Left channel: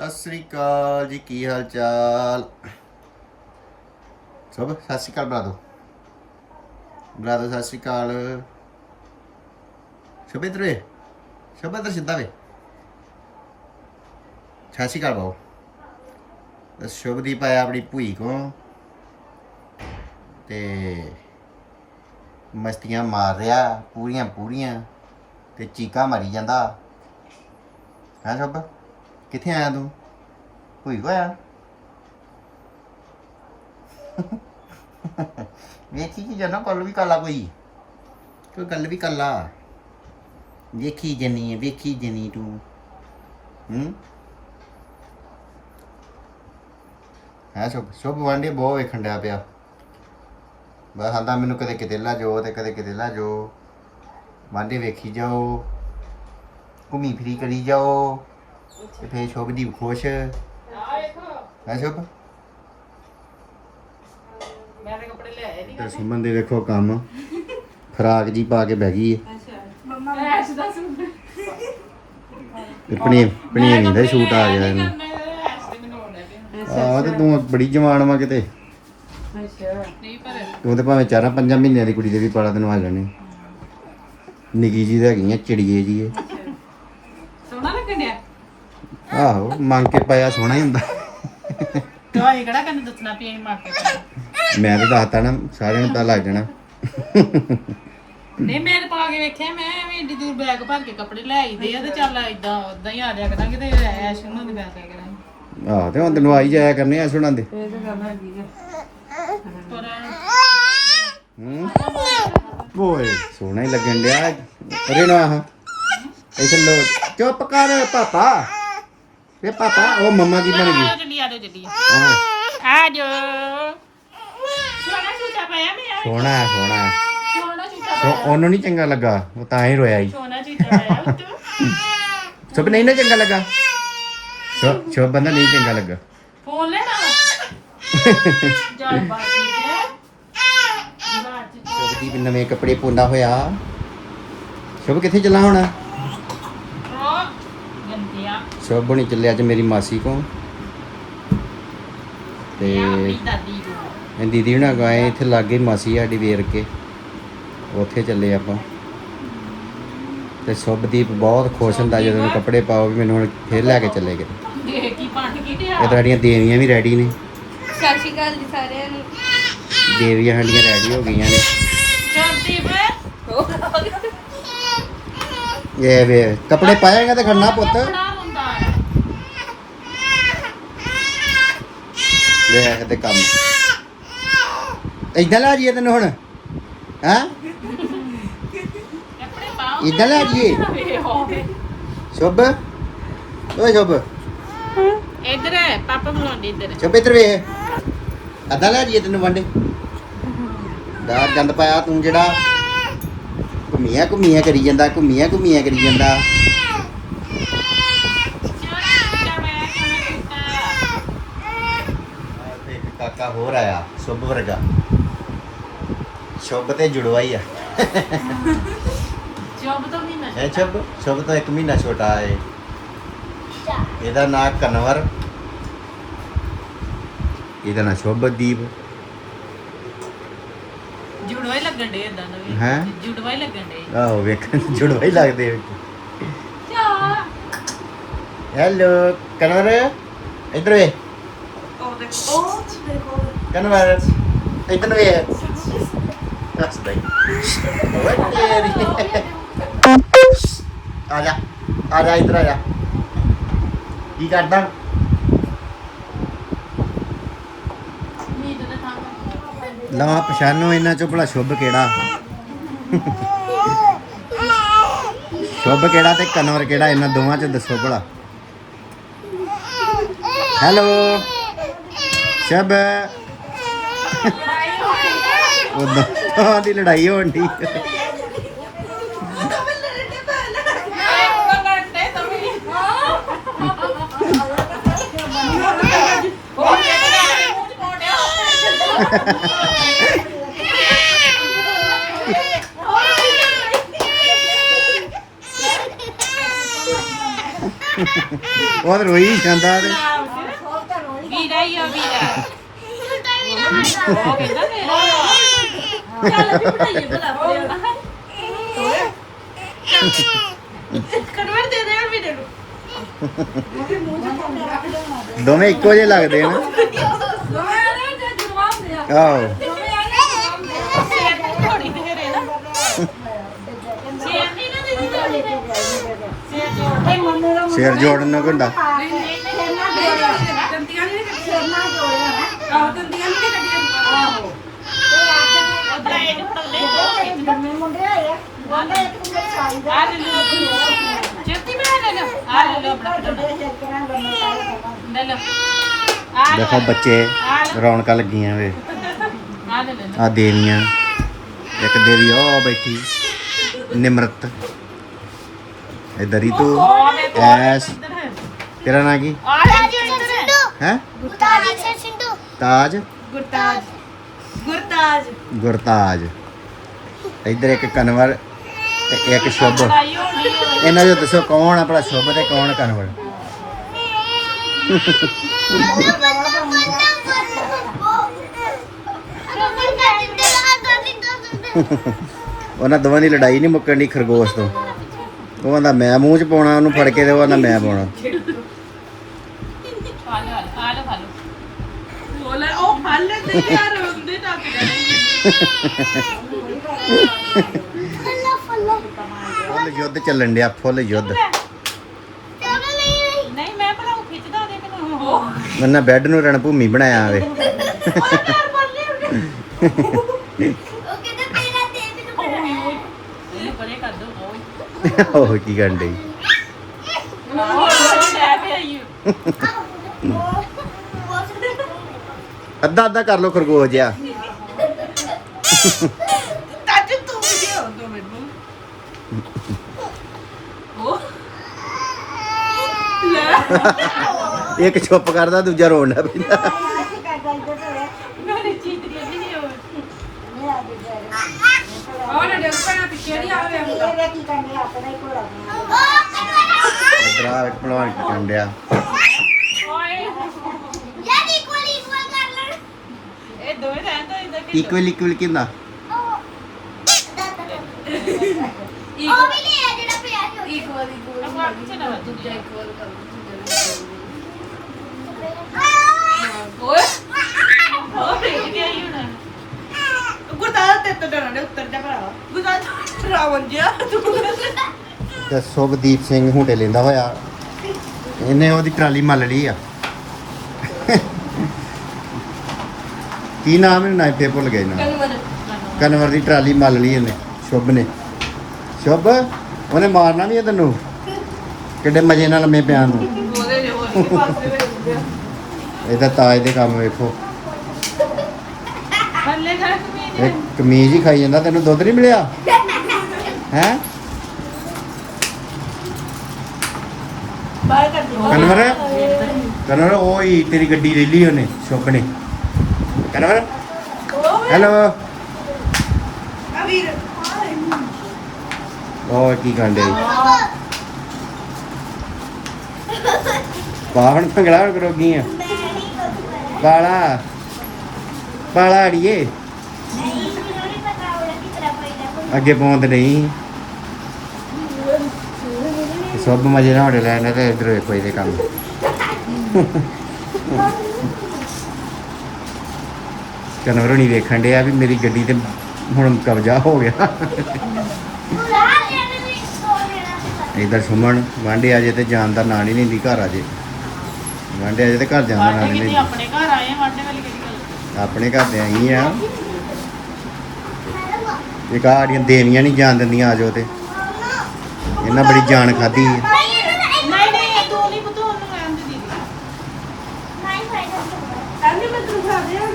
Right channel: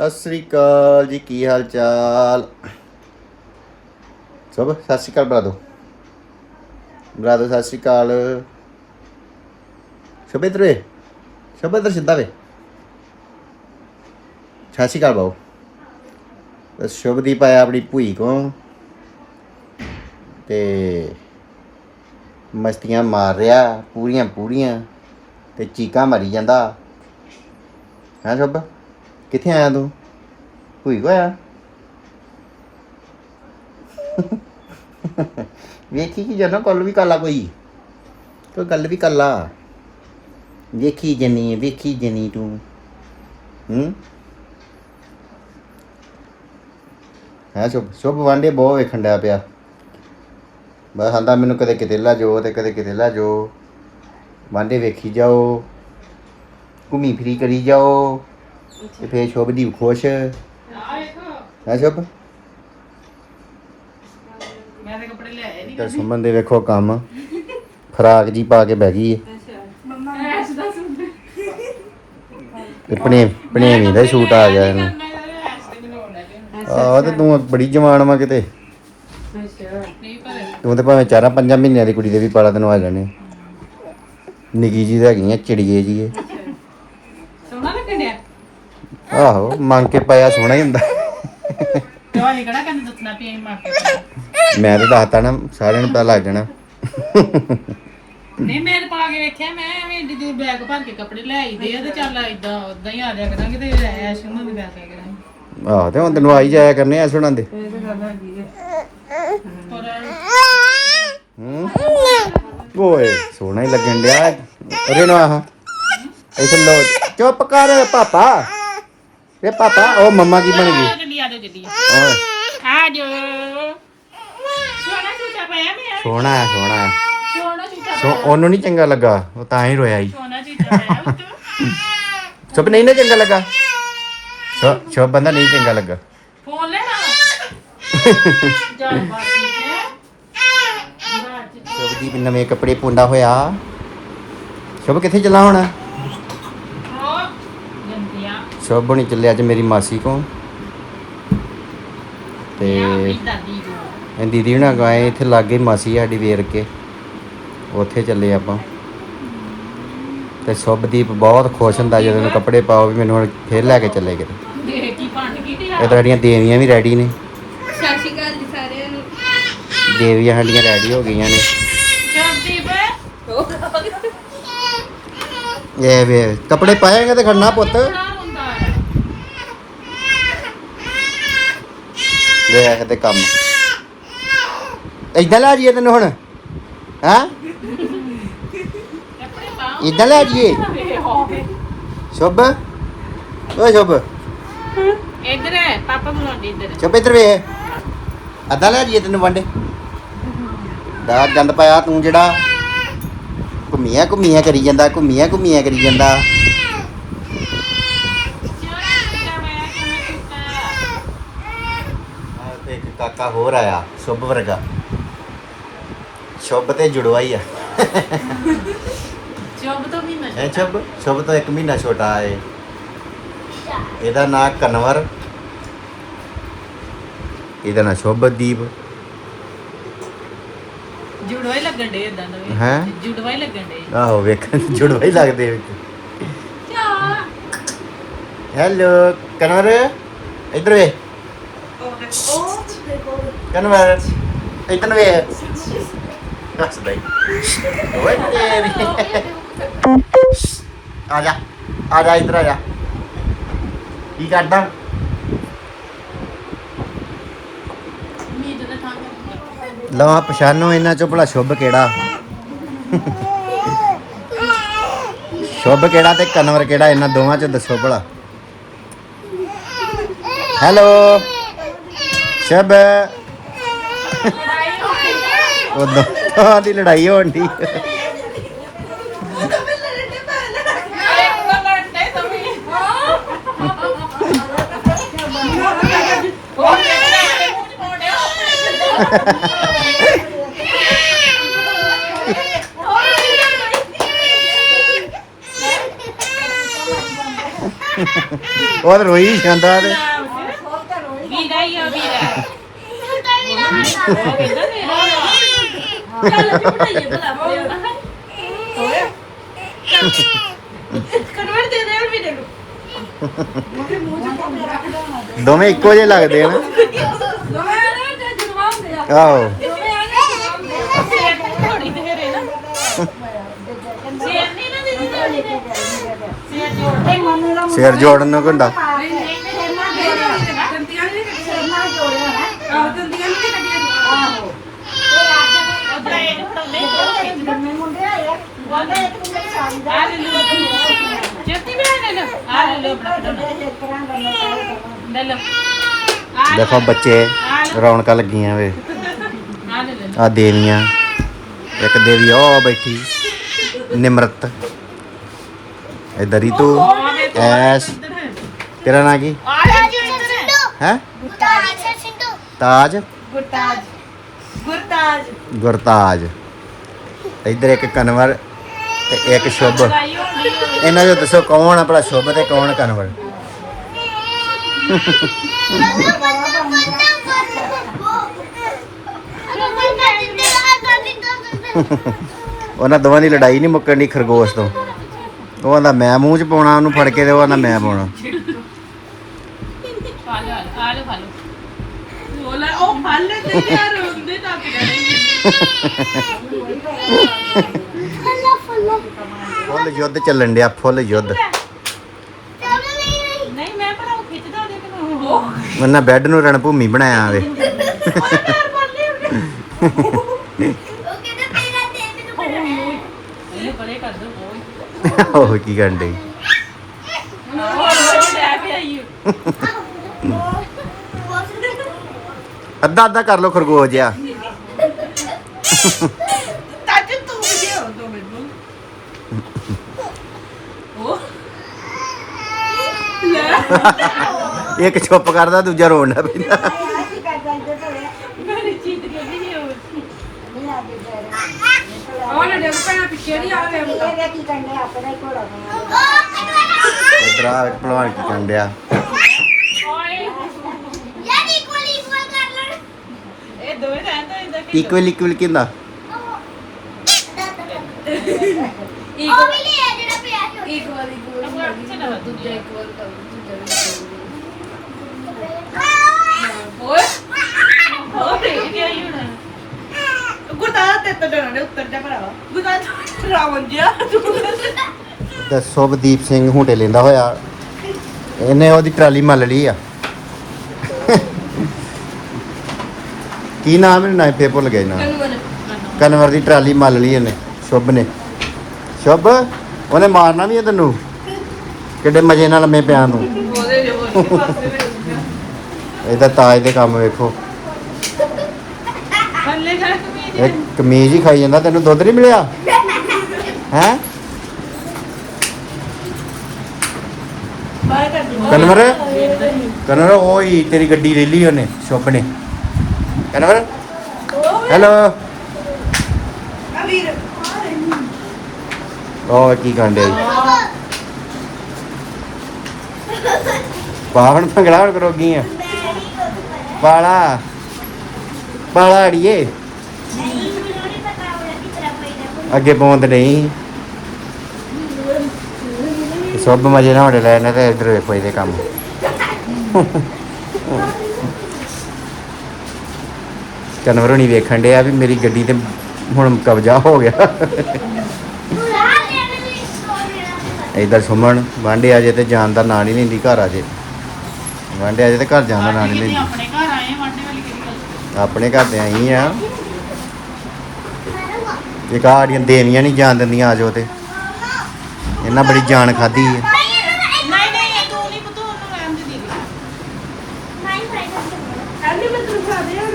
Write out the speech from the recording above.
ਸਤਿ ਸ੍ਰੀ ਅਕਾਲ ਜੀ, ਕੀ ਹਾਲ ਚਾਲ? ਸਭ, ਸਤਿ ਸ੍ਰੀ ਅਕਾਲ ਬਰਾਦੋ। ਬਰਾਦੋ, ਸਤਿ ਸ੍ਰੀ ਅਕਾਲ। ਸ਼ੁਭ ਵੇ ਸ਼ੁਭ ਇੱਧਰ ਸਿੱਧਾ ਵੇ। ਸਤਿ ਸ੍ਰੀ ਅਕਾਲ ਬਾਊ। ਤੇ ਸ਼ੁਭਦੀਪ ਆਇਆ ਆਪਣੀ ਭੂਈ ਕੋ ਤੇ ਮਸਤੀਆਂ ਮਾਰ ਰਿਹਾ ਪੂਰੀਆਂ ਪੂਰੀਆਂ ਤੇ ਚੀਕਾਂ ਮਰੀ ਜਾਂਦਾ। ਹਾਂ ਸ਼ੁਭ? ਕਿੱਥੇ ਆਇਆ ਤੂੰ ਕੋਈ ਕੋ ਵੇਖੀ ਕੀ ਜਨਾ ਕੱਲ ਵੀ ਕਾਲਾ ਕੋਈ ਕੋਈ ਗੱਲ ਵੀ ਕਾਲਾ ਵੇਖੀ ਜਨੀ ਵੇਖੀ ਜਨੀ ਤੂੰ ਹੂੰ ਹਾਂ ਸ਼ੁਭ ਸ਼ੁਭ ਵਾਂਡੇ ਬਹੁਤ ਵੇਖਣ ਡਿਆ ਪਿਆ ਬਸ ਆਂਦਾ ਮੈਨੂੰ ਕਦੇ ਕਿਤੇ ਲਾ ਜੋ ਤੇ ਕਦੇ ਕਿਤੇ ਲਾ ਜੋ ਵਾਂਡੇ ਵੇਖੀ ਜਾਓ ਘੁੰਮੀ ਫਿਰੀ ਕਰੀ ਜਾਓ ਤੇ ਫੇਰ ਸ਼ੁਭ ਦੀ ਖੁਸ਼ ਹੈ। ਸ਼ੁਭ? ਮੈਂ ਤੇ ਕੱਪੜੇ ਲੈ ਆਈ ਇੱਧਰ ਸੁਮਨ ਦੇ ਵੇਖੋ ਕੰਮ। ਖਰਾਕ ਜੀ ਪਾ ਕੇ ਬਹਿ ਗਈ ਹੈ ਦਾ ਸੂਟ ਤੇ ਦਾ ਆ ਗਿਆ ਇਹਨੂੰ। ਦੇ ਆਹ ਤੇ ਤੂੰ ਬੜੀ ਜਵਾਨ ਵਾ ਕਿਤੇ। ਤੂੰ ਤੇ ਭਾਵੇਂ ਚਾਰਾਂ ਪੰਜਾਂ ਮਹੀਨਿਆਂ ਦੀ ਕੁੜੀ ਦੇ ਵੀ ਪਾਲਾ ਤੈਨੂੰ ਆ ਜਾਣੇ। ਨਿੱਕੀ ਜੀ ਤਾਂ ਹੈਗੀ ਆ ਚਿੜੀਏ ਜੀ ਇਹ ਸੋਹਣਾ ਲੱਗਣ ਡਿਆ ਆਹੋ ਮੰਗ ਕੇ ਪਾਇਆ ਸੋਹਣਾ ਹੀ ਹੁੰਦਾ। ਕਿਉਂ ਇਹ ਕਿਹੜਾ ਕੰਨ ਦੱਸਣਾ ਪਈ ਮਾਰ ਕੇ? ਮੈਂ ਤਾਂ ਦੱਸਤਾ ਨਾ ਸਾਰਿਆਂ ਨੂੰ ਪਤਾ ਲੱਗ ਜਾਣਾ। ਨਹੀਂ ਮੈਂ ਤਾਂ ਪਾ ਕੇ ਵੇਖਿਆ ਮੈਂ ਐਵੇਂ ਏਡੀ ਦੂਰ ਬੈਗ ਭਰ ਕੇ ਕੱਪੜੇ ਲੈ ਆਈਦੇ ਆ ਤੇ ਚੱਲ ਇਦਾਂ ਉਦਾਂ ਹੀ ਆ ਜਾ ਕਰਾਂਗੇ ਤੇ ਐਸ਼ ਨੂੰ ਨਹੀਂ ਲੈ ਕੇ ਕਰਾਂਗੇ। ਆਹ ਤੇ ਹੁਣ ਤੈਨੂੰ ਆਈ ਜਾਇਆ ਕਰਨੇ ਐ ਸੁਣਨ ਦੇ। ਪਰ ਹੂੰ? ਓਏ ਸੋਹਣਾ ਹੀ ਲੱਗਣ ਡਿਆ। ਅਰੇ ਨਾ ਆਹ। ਇੱਥੇ ਲੋ ਚੁੱਪ ਕਰ ਪਾਪਾ। ਵੇ ਪਾਪਾ ਉਹ ਮੰਮਾ ਕੀ ਬਣ ਗਈ? ਜੱਡੀ ਆ ਜਾਓ ਜੱਡੀ ਓਏ। ਆ ਜੋ ਸੋਹਣਾ ਝੂਟਾ ਪਾਇਆ ਮੈਂ ਸੋਹਣਾ ਹੈ, ਸੋਹਣਾ ਹੈ। ਸੋਹਣਾ ਝੂਟਾ ਸੋ ਉਹਨੂੰ ਨਹੀਂ ਚੰਗਾ ਲੱਗਾ ਉਹ ਤਾਂ ਹੀ ਰੋਇਆ ਹੀ ਸੋਹਣਾ ਝੂਟਾ ਪਾਇਆ ਤੂੰ। ਸਭ ਨਹੀਂ ਨਾ ਚੰਗਾ ਲੱਗਾ। ਸਭ ਸਭ ਬੰਦਾ ਨਹੀਂ ਚੰਗਾ ਲੱਗਾ। ਫੋਨ ਲੈਣਾ ਵਾ? ਚੱਲ ਬਾਤ ਠੀਕ ਹੈ? ਸ਼ੁਭਦੀਪ ਨਵੇਂ ਕੱਪੜੇ ਪੁੰਦਾ ਹੋਇਆ। ਸ਼ੁਭ ਕਿੱਥੇ ਚੱਲਾ ਹੁਣ? ਸ਼ੁਭ ਹੁਣੀ ਚੱਲੇ ਅੱਜ ਮੇਰੀ ਮਾਸੀ ਕੋ ਤੇ ਨੂੰ ਇਹ ਦੀਦੀ ਹੁਣਾਂ ਗਏ ਇੱਥੇ ਲਾਗੇ ਮਾਸੀ ਸਾਡੀ ਵੇਰ ਕੇ। ਉੱਥੇ ਚੱਲੇ ਆਪਾਂ। ਤੇ ਸ਼ੁਭਦੀਪ ਬਹੁਤ ਖੁਸ਼ ਹੁੰਦਾ ਜਦੋਂ ਮੈਂ ਕੱਪੜੇ ਪਾਓ ਵੀ ਮੈਨੂੰ ਹੁਣ ਫੇਰ ਲੈ ਕੇ ਚੱਲੇ ਗਏ ਦੇਖ ਕੀ ਪੰਡ ਕੀ ਤੇ ਇਹ ਸਾਡੀਆਂ ਦੇਵੀਆਂ ਵੀ ਰੈਡੀ ਨੇ। ਸਤਿ ਸ਼੍ਰੀ ਅਕਾਲ ਜੀ ਸਾਰਿਆਂ ਨੂੰ ਦੇਵੀਆਂ ਸਾਡੀਆਂ ਰੈਡੀ ਹੋ ਗਈਆਂ ਨੇ। ਸ਼ਬਦੀਪ ਇਹ ਵੇ ਕੱਪੜੇ ਪਾਏਗਾ ਤੇ ਖੜਨਾ ਪੁੱਤ ਬੜਾ ਹੁੰਦਾ ਹੈ ਦੇਖ ਤੇ ਕੰਮ। ਇਦਾਂ ਲੈ ਜੀਏ ਤੈਨੂੰ ਹੁਣ ਹਾਂ? ਇਦਾਂ ਲੈ ਜੀਏ ਸ਼ੁਭ। ਓ ਸ਼ੁਭ। ਇੱਧਰ ਪਾਪਾ ਬੁਲਾਉਂਦੇ ਇੱਧਰ। ਸ਼ੁਭ ਇੱਧਰ ਵੇ ਅੱਧਾ ਲੈ ਜੀਏ ਤੈਨੂੰ ਵੰਡੇ। ਦਾ ਗੰਦ ਪਾਇਆ ਤੂੰ ਜਿਹੜਾ। ਘੁੰਮੀਆਂ ਘੁੰਮੀਆਂ ਕਰੀ ਜਾਂਦਾ ਘੁੰਮੀਆਂ ਘੁੰਮੀਆਂ ਕਰੀ ਜਾਂਦਾ ਸੋਹਣਾ ਝੂਟਾ ਪਾਇਆ ਕਿਵੇਂ ਝੂਟਾ ਤੇ ਇੱਕ ਕਾਕਾ ਹੋਰ ਆਇਆ ਸ਼ੁਭ ਵਰਗਾ। ਸ਼ੁਭ ਤੇ ਜੁੜਵਾ ਹੀ ਆ। ਸ਼ੋਭ ਤੋਂ ਵੀ ਮੈਂ ਇਹ ਸ਼ੁਭ? ਸ਼ੁਭ ਤੋਂ ਇੱਕ ਮਹੀਨਾ ਛੋਟਾ ਹੈ ਇਹਦਾ ਨਾਂ ਕਨਵਰ। ਇਹਦਾ ਨਾਂ ਸ਼ੁਭਦੀਪ। ਜੁੜਵਾ ਹੀ ਲੱਗਣ ਡੇ ਇਦਾਂ ਦਾ ਵੀ। ਹੈਂ? ਜੁੜਵਾ ਹੀ ਲੱਗਣ ਡੇ ਆਹੋ ਵੇਖਣ ਨੂੰ ਜੁੜਵਾ ਹੀ ਲੱਗਦੇ ਵਿੱਚ। ਹੈਲੋ ਕਨਵਰ ਇੱਧਰ ਵੇ। ਕਨਵਰ ਦੱਸ ਦੇ ਆ ਪਛਾਨੋ ਇਹਨਾਂ ਚੋਂ ਭਲਾ ਸ਼ੁਭ ਕਿਹੜਾ? ਸ਼ੁਭ ਕਿਹੜਾ ਤੇ ਕਨਵਰ ਕਿਹੜਾ ਇਹਨਾਂ ਦੋਵਾਂ ਚੋਂ ਦੱਸੋ ਭਲਾ। ਹੈਲੋ ਸ਼ਬ ਉਹ ਦੋਨਾਂ ਦੀ ਲੜਾਈ ਹੋਣ ਦੀ ਉਹ ਰੋਈ ਜਾਂਦਾ ਤੇ। ਝੂਟਾ ਵੀ ਦੇ ਦੇ ਵੀ ਦੇ ਦੋਵੇਂ ਇੱਕੋ ਜਿਹੇ ਲੱਗਦੇ ਆ ਨਾ? ਸੇਰ ਸਿਰ ਜੋੜਨ ਨੂੰ ਘੰਟਾ। ਦੇਖੋ ਬੱਚੇ ਰੌਣਕਾਂ ਲੱਗੀਆਂ ਵੇ। ਆ ਦੇਵੀਆਂ। ਇੱਕ ਦੇਵੀ ਉਹ ਬੈਠੀ। ਨਿਮਰਤ। ਇਧਰ ਹੀ ਤੂੰ ਐਸ। ਤੇਰਾ ਨਾਂ ਕੀ? ਹੈ? ਤਾਜ। ਗੁਰਤਾਜ। ਗੁਰਤਾਜ। ਗੁਰਤਾਜ। ਇਧਰ ਇੱਕ ਕਨਵਰ ਤੇ ਇੱਕ ਸ਼ੁਭ। ਇਹਨਾਂ ਨੂੰ ਦੱਸੋ ਕੌਣ ਆਪਣਾ ਸ਼ੁਭ ਤੇ ਕੌਣ ਕਨਵਰ ਉਹਨਾਂ ਦੋਵਾਂ ਦੀ ਲੜਾਈ ਨਹੀਂ ਮੁੱਕਣ ਦੀ ਖਰਗੋਸ਼ ਤੋਂ। ਉਹ ਆਂਦਾ, ਮੈਂ ਮੂੰਹ 'ਚ ਪਾਉਣਾ, ਉਹਨੂੰ ਫੜ ਕੇ ਤੇ ਉਹ ਆਂਦਾ, ਮੈਂ ਪਾਉਣਾ। ਖਾ ਲੋ ਖਾ ਲੋ ਖਾ ਲੋ ਬੋਲੇ ਉਹ ਫਲ ਤੇ ਯਾਰ ਹੁੰਦੇ ਤਾਂ ਫੁੱਲ ਯੁੱਧ ਚੱਲਣ ਡਿਆ ਫੁੱਲ ਯੁੱਧ। ਨਹੀਂ ਮੈਂ ਪਰ ਉਹ ਖਿੱਚਦਾ ਦੇ ਮੈਨੂੰ ਉਹ। ਉਹਨਾਂ ਬੈੱਡ ਨੂੰ ਰਣ ਭੂਮੀ ਬਣਾਇਆ ਵੇ ਇਹ ਪਰੇ ਕਰ ਦੋ ਉਹ ਕੀ ਕਰਨ ਡਈ? ਉਹ ਲੈ ਕੇ ਆਈ ਅੱਧਾ ਅੱਧਾ ਕਰ ਲੋ ਖਰਗੋਸ਼ ਜਿਹਾ ਤੱਜ ਤੂੰ ਵੀ ਦੇ ਦੋ ਮੈਨੂੰ ਉਹ ਇੱਕ ਚੁੱਪ ਕਰਦਾ ਦੂਜਾ ਰੋਣ ਲੱਗ ਪੈਂਦਾ। ਮੈਂ ਚੀਜ਼ ਕਰਦੀ ਨਹੀਂ ਉਹ ਆ ਦੋਵੇਂ ਰਹਿ ਤਾਂ ਇਦਾਂ ਇਕਵਲ ਇਕਵਲ ਕਿੰਦਾ ਓਏ ਹੋ ਰਹੀ ਹੈ ਯੂਨਾ ਗੁਰਦਾਸ ਤੇ ਤਾਂ ਡਰਨੇ ਉੱਤਰ ਜਾ ਭਰਾ ਗੁਰਦਾਸ ਰਾਵਣ ਜਿਆ ਤੂੰ। ਤੇ ਸੁਭਦੀਪ ਸਿੰਘ ਹੁੰਡੇ ਲੈਂਦਾ ਹੋਇਆ। ਇਹਨੇ ਉਹਦੀ ਟਰਾਲੀ ਮੱਲ ਲਈ ਆ। ਕੀ ਨਾਮ ਹੈ ਨਾ ਫੇ ਭੁੱਲ ਗਏ ਨਾ ਕਨਵਰ ਦੀ ਟਰਾਲੀ ਮੱਲ ਲਈ ਇਹਨੇ ਸ਼ੁਭ ਨੇ। ਸ਼ੁਭ। ਉਹਨੇ ਮਾਰਨਾ ਨਹੀਂ ਤੈਨੂੰ। ਕਿੱਡੇ ਮਜੇ ਨਾਲ ਮੈਂ ਪਿਆ ਨੂੰ। ਇਹਦਾ ਤਾਜ ਦੇ ਕੰਮ ਵੇਖੋ। ਇਹ ਕਮੀਜ਼ ਹੀ ਖਾਈ ਜਾਂਦਾ ਤੈਨੂੰ ਦੁੱਧ ਨਹੀਂ ਮਿਲਿਆ? ਹੈ? ਕਨਵਰ? ਕਨਵਰ ਉਹ ਹੀ ਤੇਰੀ ਗੱਡੀ ਲੈ ਲਈ ਉਹਨੇ ਸ਼ੁਭ ਨੇ। ਕਨਵਰ? ਹੈਲੋ? ਹੋਰ ਕੀ ਕਾਂਡੇ ਪਾਵਨ ਭੰਗੜਾ ਕਰੋ ਕੀ ਆ। ਪਾਲਾ। ਪਾਲਾ ਅੜੀਏ। ਅੱਗੇ ਪਹੁੰਚ ਨਹੀਂ। ਸਭ ਮਜੇ ਨਾਲ ਹੋੜੇ ਲੈਣੇ ਤੇ ਇਧਰ ਵੇਖੋ ਇਹਦੇ ਕੰਮ। ਕਨਵਰ ਨਹੀਂ ਵੇਖਣ ਡਿਆ ਵੀ ਮੇਰੀ ਗੱਡੀ ਤੇ ਹੁਣ ਕਬਜ਼ਾ ਹੋ ਗਿਆ। ਇਧਰ ਸੁਮਣ ਵਾਂਡੇ ਅਜੇ ਤੇ ਜਾਣ ਦਾ ਨਾਂ ਨਹੀਂ ਲੈਂਦੀ ਘਰ ਅਜੇ ਵਾਂਡੇ ਅਜੇ ਤੇ ਘਰ ਜਾਣ ਦਾ ਨਾਂ ਨਹੀਂ ਲੈਂਦੀ। ਆਪਣੇ ਘਰ ਆਏ ਆ ਵਾਂਡੇ ਵਾਲੀ ਕਿਹੜੀ ਗੱਲ ਆਪਣੇ ਘਰ ਦੇ ਆਈ ਆ। ਇਹ ਕਾੜੀਆਂ ਦੇਣੀਆਂ ਨਹੀਂ ਜਾਣ ਦਿੰਦੀਆਂ ਆ ਤੇ। ਇਹਨਾਂ ਬੜੀ ਜਾਨ ਖਾਦੀ ਨਹੀਂ ਨਹੀਂ ਤੂੰ ਨਹੀਂ ਪਤੂ ਉਹਨੂੰ ਰਹਿਣ ਦੇ ਦੀਦੀ। ਮੈਂ ਤੈਨੂੰ ਖਾ ਦਿਆ